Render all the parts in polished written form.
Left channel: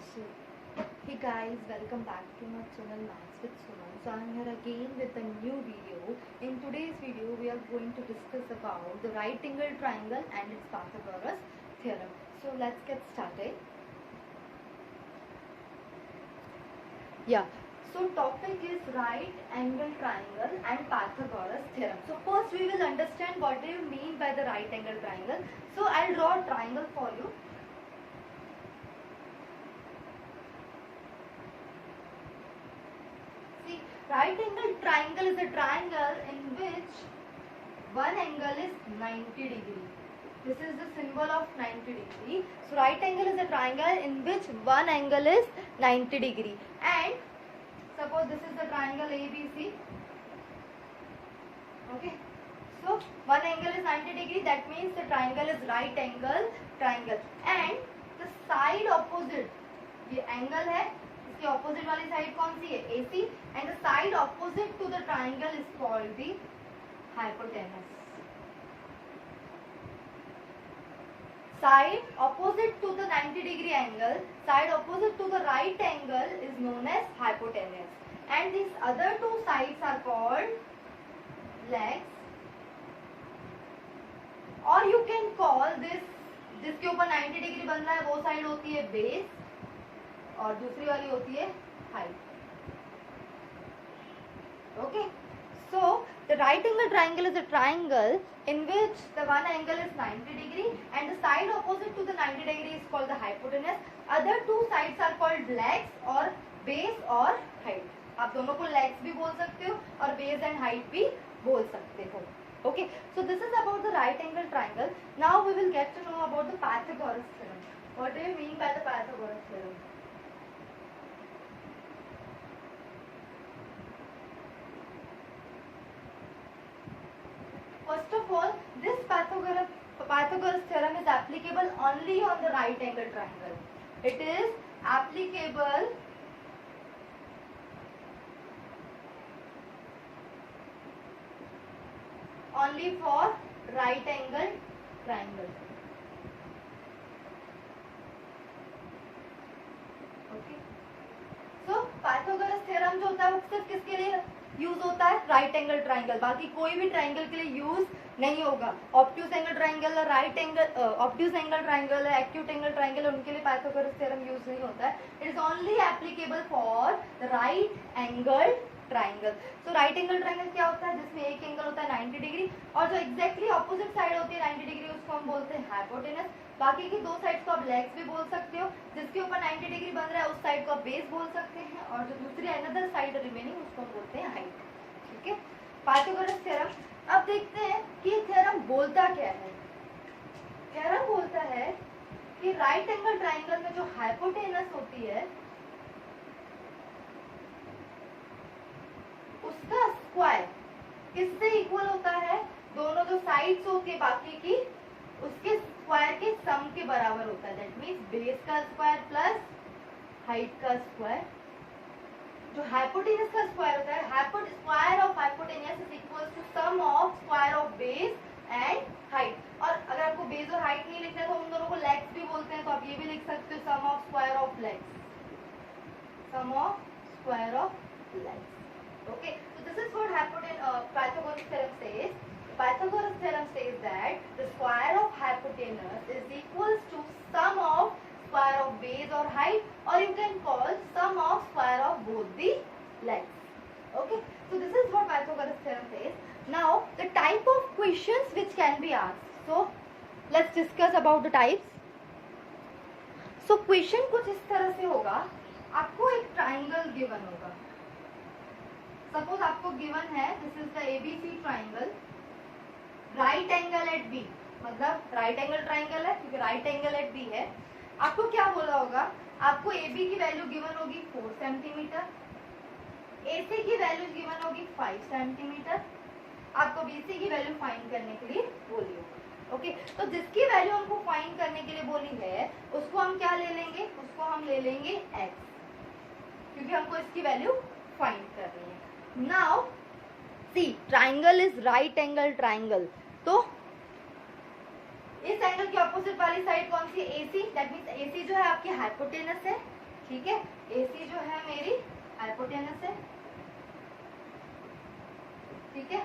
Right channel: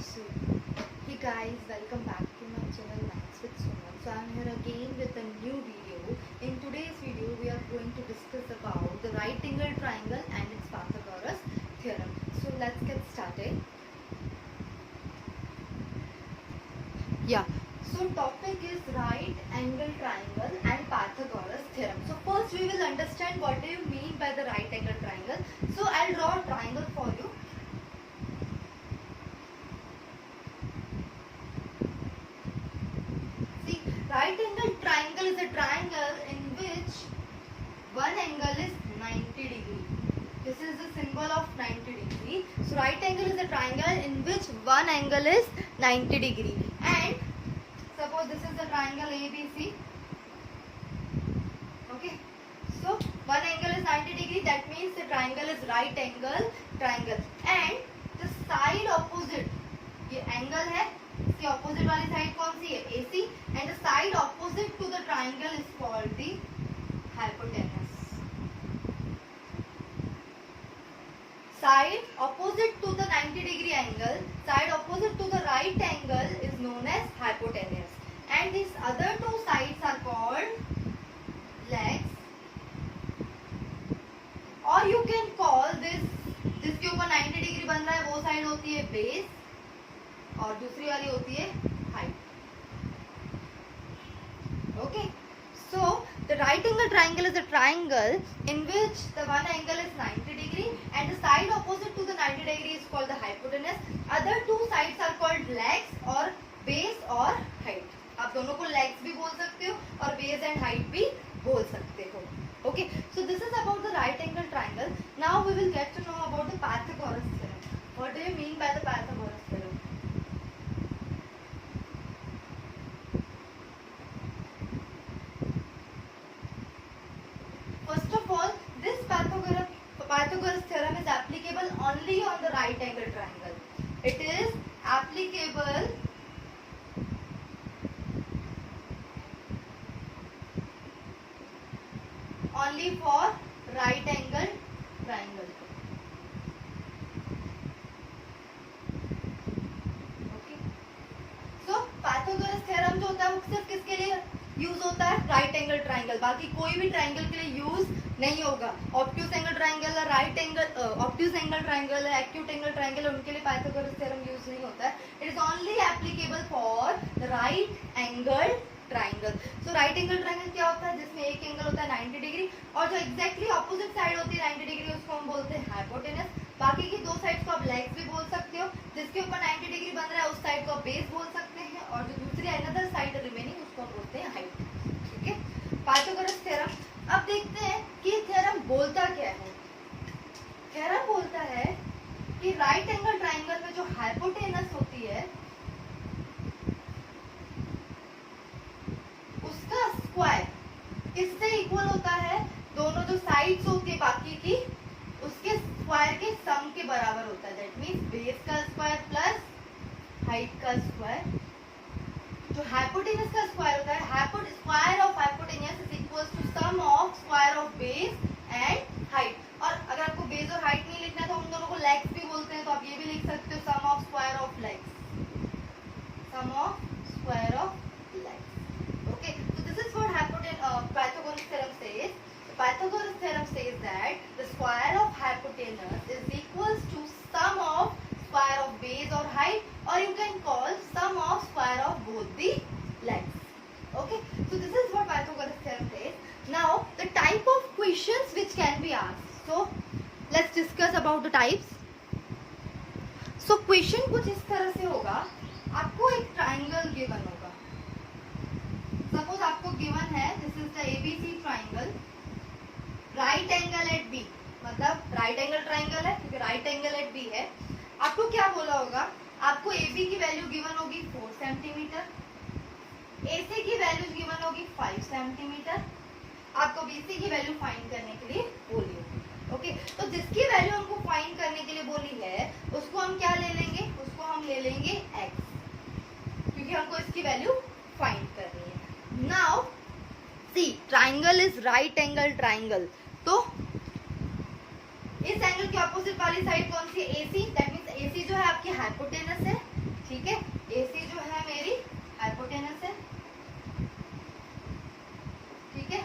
So, hey guys, welcome back to my channel Maths with Suman. So, I'm here again with a new video. In today's video, we are going to discuss about the right angle triangle and its Pythagoras theorem. So, let's get started. Yeah. So, topic is right angle triangle and Pythagoras theorem. So, first we will understand what do you mean by the right angle triangle. So, I'll draw a triangle for you. Right angle triangle is a triangle in which one angle is 90 degree. This is the symbol of 90 degree. So right angle is a triangle in which one angle is 90 degree. And suppose this is the triangle ABC. Okay. So one angle is 90 degree. That means the triangle is right angle triangle. And the side opposite, ये angle है. इसके opposite वाली side कौन सी है AC and the side opposite to the triangle is called the hypotenuse. Side opposite to the 90 degree angle, side opposite to the right angle is known as hypotenuse, and these other two sides are called legs, or you can call this, जिसके ऊपर 90 degree बन रहा है वो side होती है base और दूसरी वाली होती है height. Okay, so the right angle triangle is a triangle in which the one angle is 90 degree and the side opposite to the 90 degree is called the hypotenuse. Other two sides are called legs और base और height. आप दोनों को legs भी बोल सकते हो और बेस एंड हाइट भी बोल सकते हो. Okay, so this is about the right angle triangle. Now we will get to know about the Pythagoras theorem. What do you mean by the Pythagoras theorem? First of all, this Pythagoras theorem is applicable only on the right angle triangle. It is applicable only for right angle triangle. Okay. So Pythagoras theorem जो होता है वो सिर्फ किसके लिए use होता है? Right angle triangle. बाकी कोई भी ट्राइंगल के लिए यूज नहीं होगा. ऑब्ट्यूज एंगल ट्राइंगल है, right angle obtuse angle triangle है, एक्यूट एंगल ट्राइंगल है, उनके लिए पाइथागोरस थ्योरम यूज नहीं होता है. It is only applicable for the right angle triangle. So right angle triangle क्या होता है? जिसमें एक एंगल होता है 90 डिग्री और जो एग्जैक्टली ऑपोजिट साइड होती है 90 डिग्री उसको हम बोलते हैं हाइपोटेनस. बाकी की दो साइड्स को आप लेग्स भी बोल सकते हो. जिसके ऊपर 90 डिग्री बन रहा है उस साइड को आप बेस बोल सकते हैं और जो दूसरी अनदर साइड रिमेनिंग उसको हम बोलते हैं हाइट. ठीक है, पाइथागोरस थ्योरम. अब देखते हैं कि ये थ्योरम बोलता क्या है. थ्योरम बोलता है कि राइट एंगल ट्राइंगल में जो हाइपोटेनस होती है उसका स्क्वायर किससे इक्वल होता है? दोनों जो साइड्स होती है बाकी की उसके स्क्वायर के सम के बराबर होता है. दैट मींस बेस का स्क्वायर प्लस हाइट का स्क्वायर. जो हाइपोटेनस का स्क्वायर होता है, square of hypotenuse is equals to sum of square of base and height. और अगर आपको बेस और हाइट नहीं लिखना है तो हम दोनों को लेग्स भी बोलते हैं, तो आप ये भी लिख सकते हो sum of square of legs, sum of square of legs. Okay, so this is what Pythagoras theorem says. The Pythagoras theorem says that the square of hypotenuse is equals to sum of square of base or height, or you can call sum of square of both the legs. Okay, so this is what Pythagoras theorem says. Now the type of questions which can be asked. So let's discuss about the types. So question कुछ इस तरह से होगा. आपको एक triangle given होगा. Suppose आपको given है this is the ABC triangle, right angle at B. मतलब राइट एंगल ट्राइंगल है क्योंकि राइट एंगल एट बी है. आपको क्या बोला होगा? आपको AB की वैल्यू गिवन होगी 4 सेंटीमीटर, AC की वैल्यू गिवन होगी 5 सेंटीमीटर. आपको BC की वैल्यू फाइंड करने के लिए बोली होगी. ओके, तो जिसकी वैल्यू हमको फाइंड करने के लिए बोली है उसको हम क्या ले लेंगे? उसको हम ले लेंगे x, क्योंकि हमको इसकी वैल्यू फाइंड करनी है. Now see, triangle is right angle triangle. तो इस एंगल के ऑपोजिट वाली साइड कौन सी? AC. दैट मींस AC जो है आपकी हाइपोटेनस है ठीक है। AC जो है मेरी हाइपोटेनस है, ठीक है।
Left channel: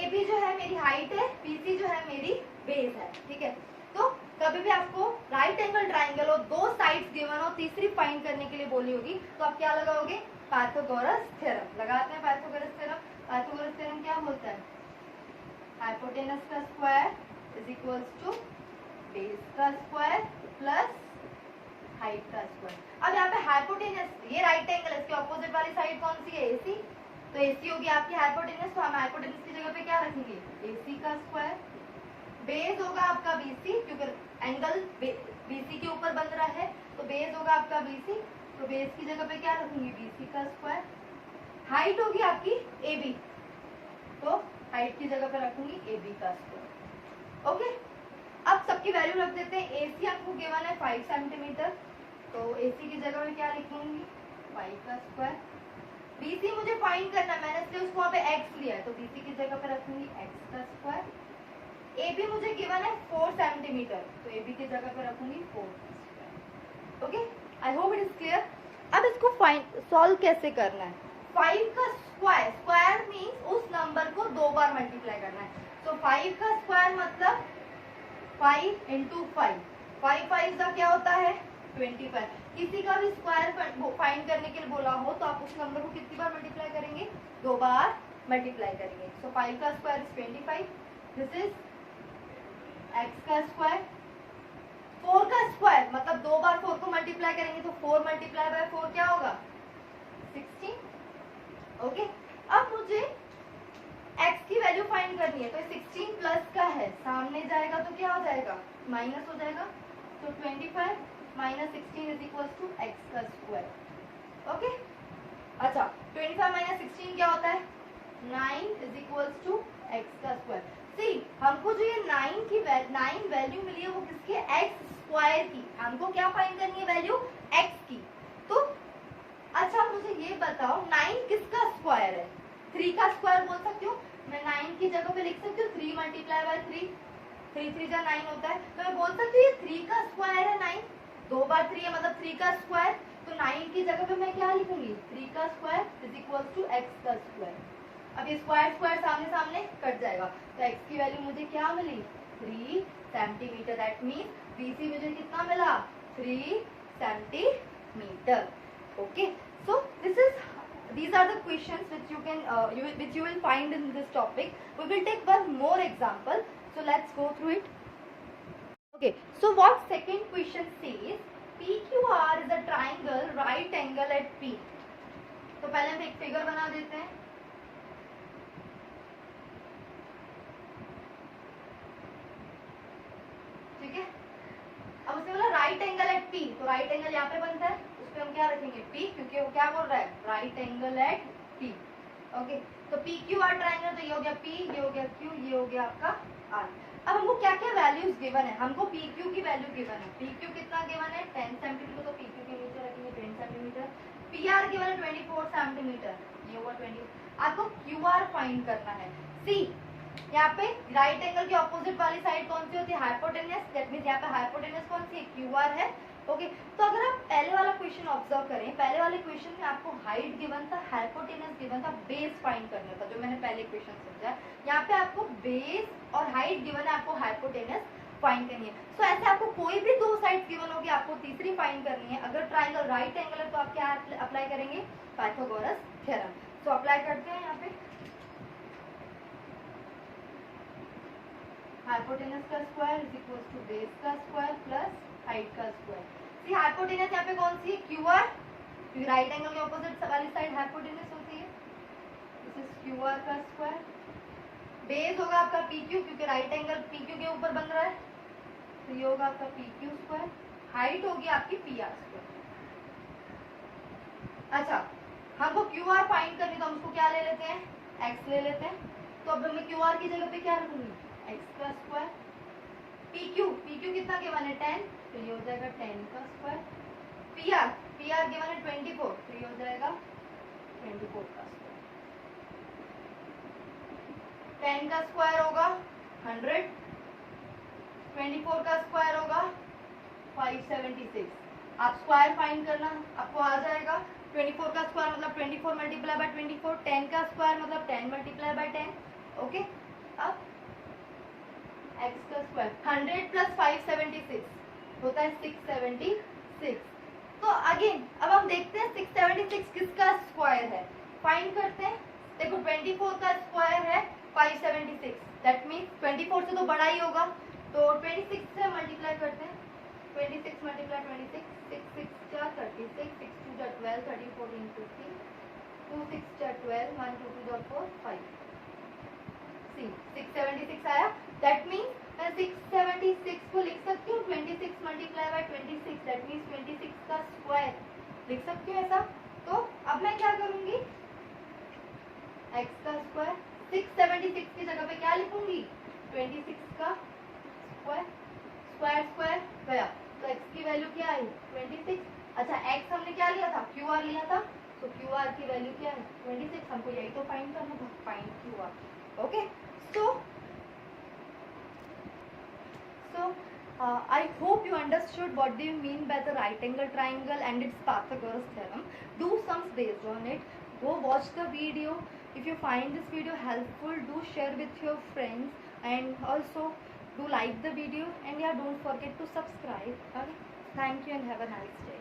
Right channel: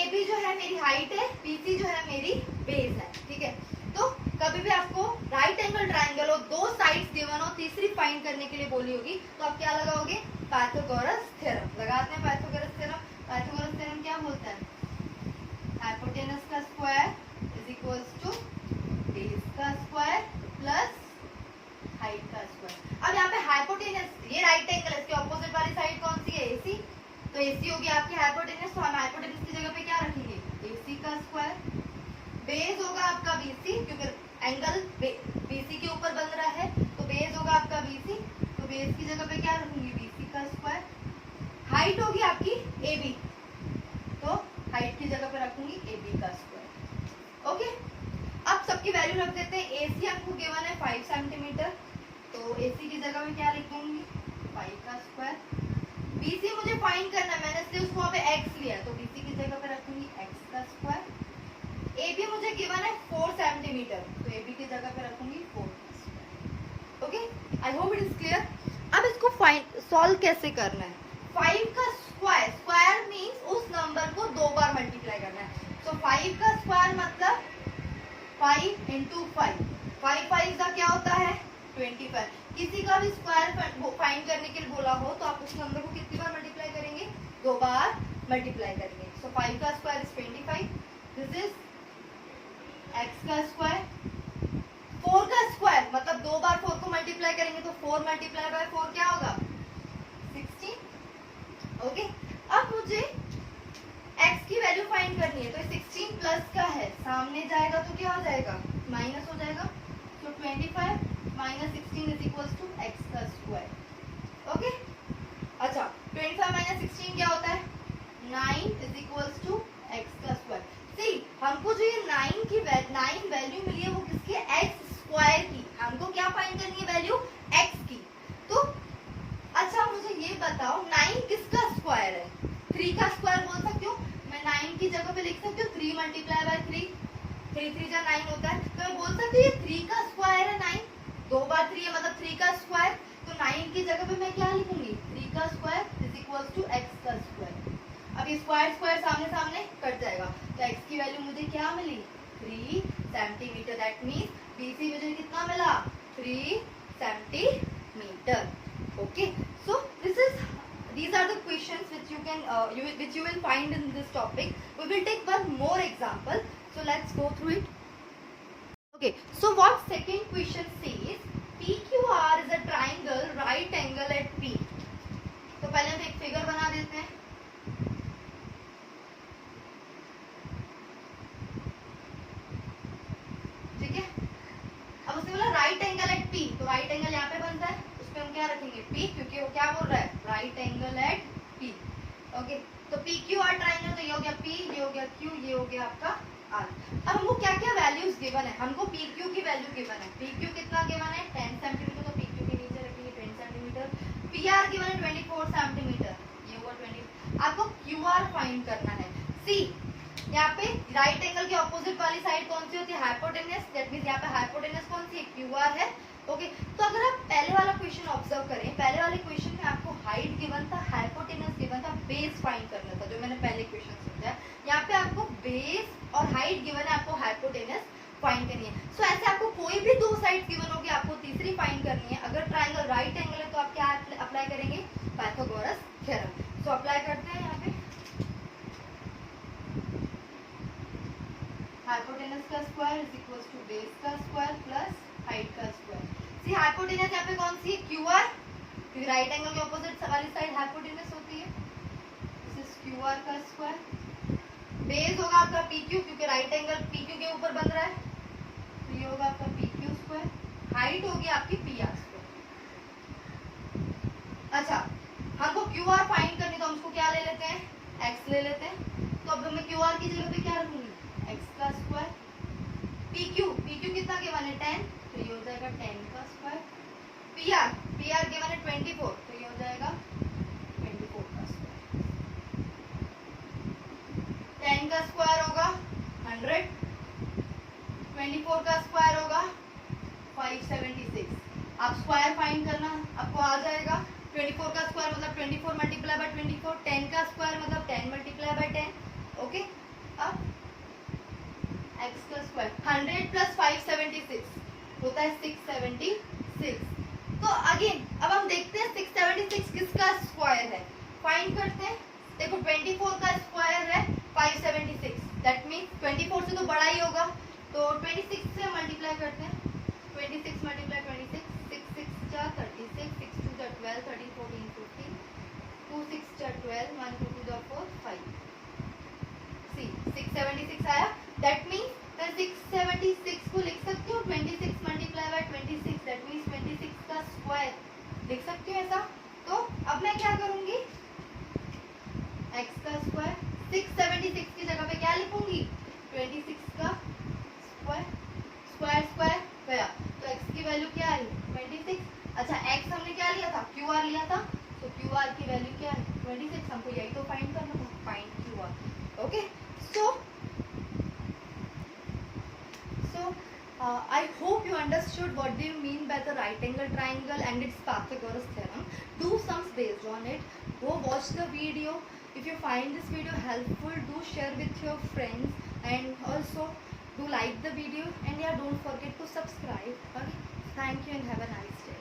AB जो है मेरी हाइट है, BC जो है मेरी बेस है, ठीक है। तो कभी भी आपको राइट एंगल ट्राइंगल और दो साइड्स गिवन हो, तीसरी फाइंड करने के लिए बोली होगी, तो आप क्या लगाओगे, पाइथागोरस थ्योरम लगाते हैं। पाइथागोरस थ्योरम, पाइथागोरस थ्योरम क्या बोलता है, हाइपोटेनस का square is equals to base का स्क्वायर प्लस हाइट का स्क्वायर। अब यहाँ पे हाइपोटेनस, ये राइट एंगल है, इसके ऑपोजिट वाली साइड कौन सी है, AC। तो AC होगी आपकी हाइपोटेनस, तो हम हाइपोटेनस की जगह पे क्या रखेंगे, AC का स्क्वायर। बेस होगा आपका BC, क्योंकि एंगल BC के ऊपर बन रहा है, तो बेस होगा आपका BC, तो बेस की जगह पे क्या रखूंगी, BC का स्क्वायर। हाइट होगी आपकी AB, तो हाइट की जगह पे रखूंगी AB का स्क्वायर। ओके, अब सबकी वैल्यू रख देते हैं। AC आपको गिवन है 5 सेंटीमीटर, तो AC की जगह में क्या लिख दूंगी, 5 का स्क्वायर। BC मुझे फाइंड करना है, मैंने इसलिए उसको वहाँ पे x लिया है, तो BC की जगह पे रखूंगी x का स्क्वायर। AB मुझे गिवन है 4 सेंटीमीटर, तो AB की जगह पे रखूंगी 4 का square. Okay, I hope it is clear. अब इसको फाइंड सॉल्व कैसे करना है, 5 का स्क्वायर, स्क्वायर मीन्स उस नंबर को 2 बार मल्टीप्लाई करना है। तो 5 का स्क्वायर मतलब 5 इंटू 5, 5 5 का क्या होता है 25। किसी का भी स्क्वायर फाइंड करने के लिए बोला हो तो आप उस नंबर को कितनी बार मल्टीप्लाई करेंगे, 2 बार मल्टीप्लाई करेंगे। सो 5 का square is 25, this is x का स्क्वायर। 4 का स्क्वायर मतलब 2 बार 4 को मल्टीप्लाई करेंगे, तो 4 मल्टीप्लाई बाय 4 क्या होगा, 16। ओके, अब मुझे x की वैल्यू फाइंड करनी है, तो 16 प्लस का है, सामने जाएगा तो क्या हो जाएगा, माइनस हो जाएगा। तो 25 minus 16 is equals to x का स्क्वायर। ओके, अच्छा 25 माइनस 16 क्या होता है, 9 इज इक्वल्स टू x का स्क्वायर। सी, हमको जो ये 9 वैल्यू मिली है वो किसकी, x स्क्वायर की। हमको क्या फाइंड करनी है, वैल्यू x की। तो अच्छा मुझे ये बताओ 9 किसका स्क्वायर है, 3 का स्क्वायर बोल सकती हूँ मैं, 9 की जगह पे लिख सकती हूँ 3 मल्टीप्लाई बाय 3, 3 3 जा 9 होता है, तो मैं बोल सकती हूँ ये 3 का स्क्वायर है 9, 2 बार 3 है मतलब 3 का स्क्वायर। तो 9 की जगह पे मैं क्या लिखूंगी, 3 का square is equals to x का स्क्वायर। अब ये स्क्वायर स्क्वायर सामने सामने कट जाएगा, तो x की वैल्यू मुझे क्या मिली, 3 सेंटीमीटर। दैट मीन्स BC मुझे कितना मिला, 3 centimetre. Okay, so these are the questions which you can which you will find in this topic. We will take one more example, so let's go through it. Okay, so what second question says, PQR is a triangle right angle at P. तो पहले हम एक figure बना देते हैं। ठीक है, अब उसने बोला राइट एंगल एट P, तो राइट एंगल यहाँ पे बनता है, उस पे हम क्या रखेंगे P, क्योंकि वो क्या बोल रहा है, right angle at P। Okay, तो PQR ट्राइंगल, तो ये हो गया P, ये हो गया Q, ये हो गया आपका R। अब हमको क्या क्या वैल्यूज गिवन है, हमको PQ की वैल्यू गिवन है, PQ कितना गिवन है 10 सेंटीमीटर, तो PQ के नीचे रखेंगे 10 सेंटीमीटर। PR गिवन है 24 सेंटीमीटर, ये हुआ 20। आपको QR फाइंड करना है। सी, यहाँ पे राइट एंगल के ऑपोजिट वाली साइड कौन सी होती है, हाइपोटेनस। दैट मींस यहाँ पे हाइपोटेनस कौन सी है, QR है। ओके, तो अगर आप पहले वाला क्वेश्चन ऑब्जर्व करें, पहले वाले क्वेश्चन में आपको हाइट गिवन था, हाइपोटेनस गिवन था, बेस फाइंड करना था, जो मैंने पहले क्वेश्चन समझा। यहाँ पे आपको बेस और हाइट गिवन है, आपको हाइपोटेनस फाइंड करनी है। सो ऐसे आपको कोई भी 2 साइड गिवन होगी, आपको तीसरी फाइंड करनी है। अगर ट्राइंगल राइट एंगल है तो आप क्या अप्लाई करेंगे, पाइथागोरस थ्योरम। सो अप्लाई करते हैं यहाँ पे, हाइपोटेनस का square is equals to base का स्क्वायर प्लस हाइट का स्क्वायर। सी, हाइपोटेनस यहाँ पे कौन सी है, QR, क्योंकि राइट एंगल के ऑपोजिट वाली साइड हाइपोटेनस होती है। दिस इज QR का स्क्वायर। बेस होगा आपका PQ, क्योंकि राइट एंगल PQ के ऊपर बन रहा है, तो ये होगा आपका PQ स्क्वायर। हाइट होगी आपकी PR स्क्वायर। अच्छा, हमको QR फाइंड करनी, तो हम उसको क्या ले लेते हैं, x ले लेते हैं। तो अब मैं QR की जगह पे क्या रखूंगी, x का स्क्वायर। PQ कितना गिवन है 10, तो ये हो जाएगा 10 का स्क्वायर। PR गिवन है 24, तो ये हो जाएगा 24 का स्क्वायर। 10 का स्क्वायर होगा 100, 24 का स्क्वायर होगा 576। आप स्क्वायर फाइंड करना, आपको आ जाएगा 24 का स्क्वायर मतलब 24 मल्टीप्लाई बाय 24, 10 का स्क्वायर मतलब 10 मल्टीप्लाई बाय 10। ओके, अब x का स्क्वायर 100 प्लस 576 होता है 676। तो अगेन अब हम देखते हैं 676 किसका स्क्वायर है, फाइंड करते हैं। देखो 24 का स्क्वायर है 576, दैट मीन्स 24 से तो बड़ा ही होगा, तो 26 से मल्टीप्लाई करते हैं। 26 मल्टीप्लाई 26, 6 6 जा 36, 6 2 जा 12, 13 14 15, 2 6 जा 12, 1 2 2 जा 4 5। सी 676 आया, दैट मीन्स मैं 676 को लिख सकती हूँ 26 मल्टीप्लाई बाय 26, दैट मीन्स 26 का स्क्वायर लिख सकती हूँ ऐसा। तो अब मैं क्या करूँगी, x का स्क्वायर 676 की जगह पे क्या लिखूंगी, 26 का स्क्वायर, स्क्वायर स्क्वायर गया, तो x की वैल्यू क्या आई 26। अच्छा x हमने क्या लिया था, QR लिया था, तो QR की वैल्यू क्या है 26, हमको यही तो फाइंड करना था, find QR। Okay, so I hope you understood what do you mean by the right angle triangle and its Pythagoras theorem. Do sums based on it. Go watch the video. If you find this video helpful, do share with your friends and also do like the video, and yeah, don't forget to subscribe. Okay, thank you and have a nice day.